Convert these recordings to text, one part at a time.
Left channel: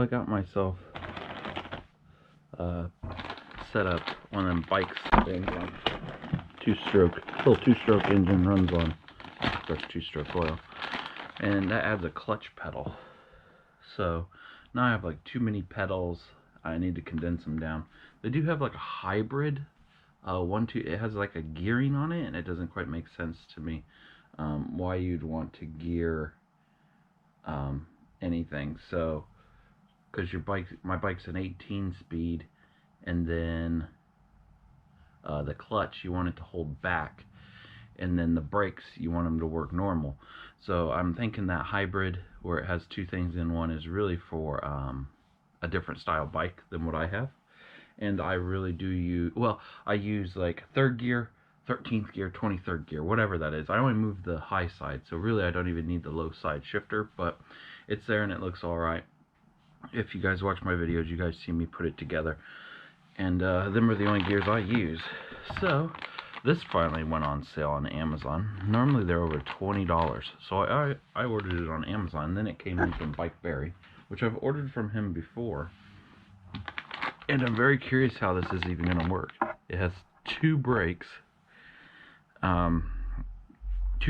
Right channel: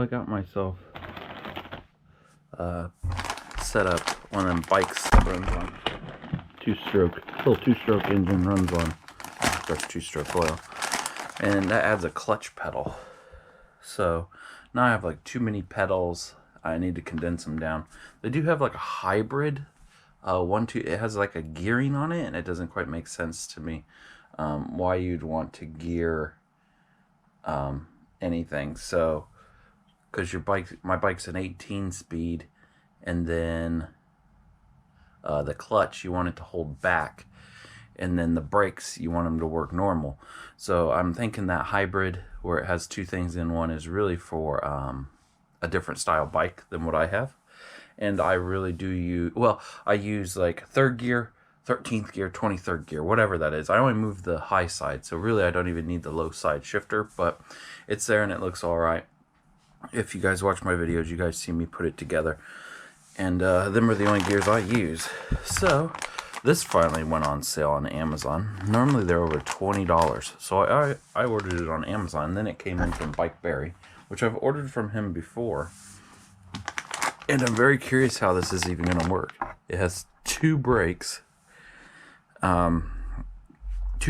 So I got myself set up one of them bikes that runs on little two-stroke engine, runs on two-stroke oil, and that adds a clutch pedal. So now I have like too many pedals. I need to condense them down. They do have like a hybrid it has like a gearing on it, and it doesn't quite make sense to me why you'd want to gear anything. So because my bike's an 18 speed, and then the clutch you want it to hold back, and then the brakes you want them to work normal. So I'm thinking that hybrid where it has two things in one is really for a different style bike than what I have. And I really do use, well, I use like 3rd gear, 13th gear, 23rd gear, whatever that is. I only move the high side, so really I don't even need the low side shifter, but it's there and it looks all right. If you guys watch my videos, you guys see me put it together. And them are the only gears I use. So this finally went on sale on Amazon. Normally they're over $20. So I ordered it on Amazon. Then it came in from Bike Berry, which I've ordered from him before. And I'm very curious how this is even going to work. It has 2 brakes. 2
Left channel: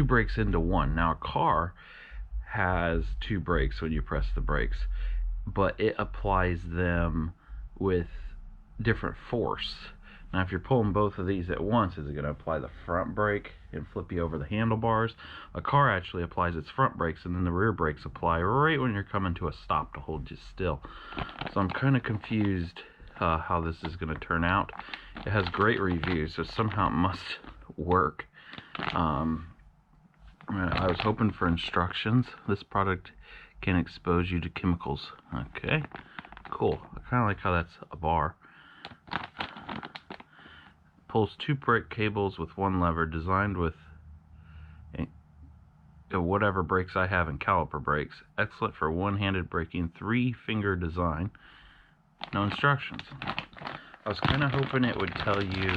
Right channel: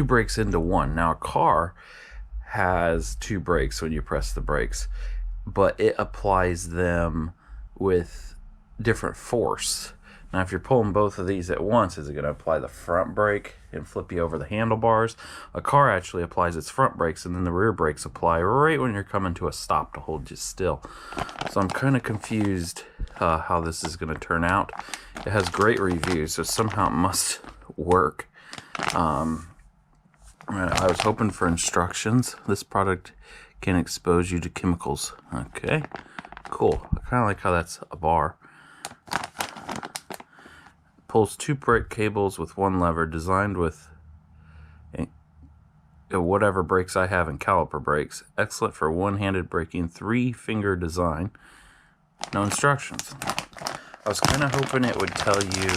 brakes into one. Now a car has 2 brakes when you press the brakes, but it applies them with different force. Now if you're pulling both of these at once, is it going to apply the front brake and flip you over the handlebars? A car actually applies its front brakes, and then the rear brakes apply right when you're coming to a stop to hold you still. So I'm kind of confused how this is going to turn out. It has great reviews, so somehow it must work. I was hoping for instructions. This product can expose you to chemicals. Okay, cool. I kind of like how that's a bar. Pulls 2 brake cables with 1 lever, designed with whatever brakes I have and caliper brakes. Excellent for one-handed braking, 3-finger design. No instructions. I was kind of hoping it would tell you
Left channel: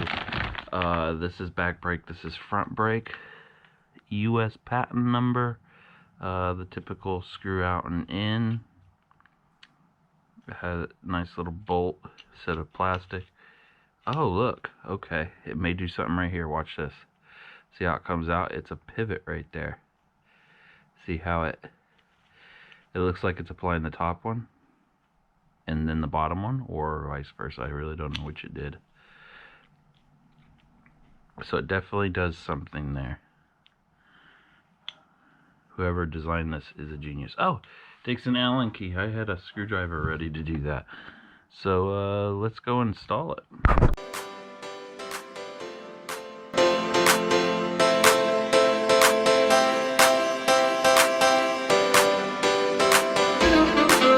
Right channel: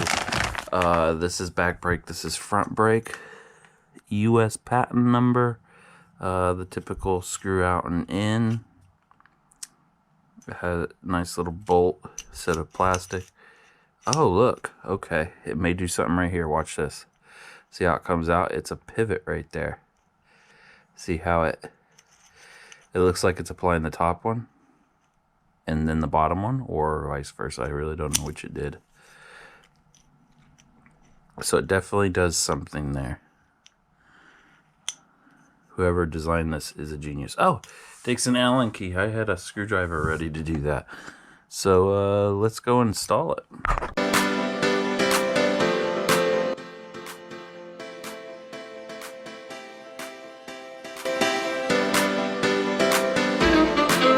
this is back brake, this is front brake, US patent number, the typical screw out and in. It had a nice little bolt set of plastic. Oh, look. Okay. It may do something right here. Watch this. See how it comes out? It's a pivot right there. See how it looks like it's applying the top one and then the bottom one, or vice versa. I really don't know which it did. So it definitely does something there. Whoever designed this is a genius. Oh, takes an Allen key. I had a screwdriver ready to do that. So let's go install it.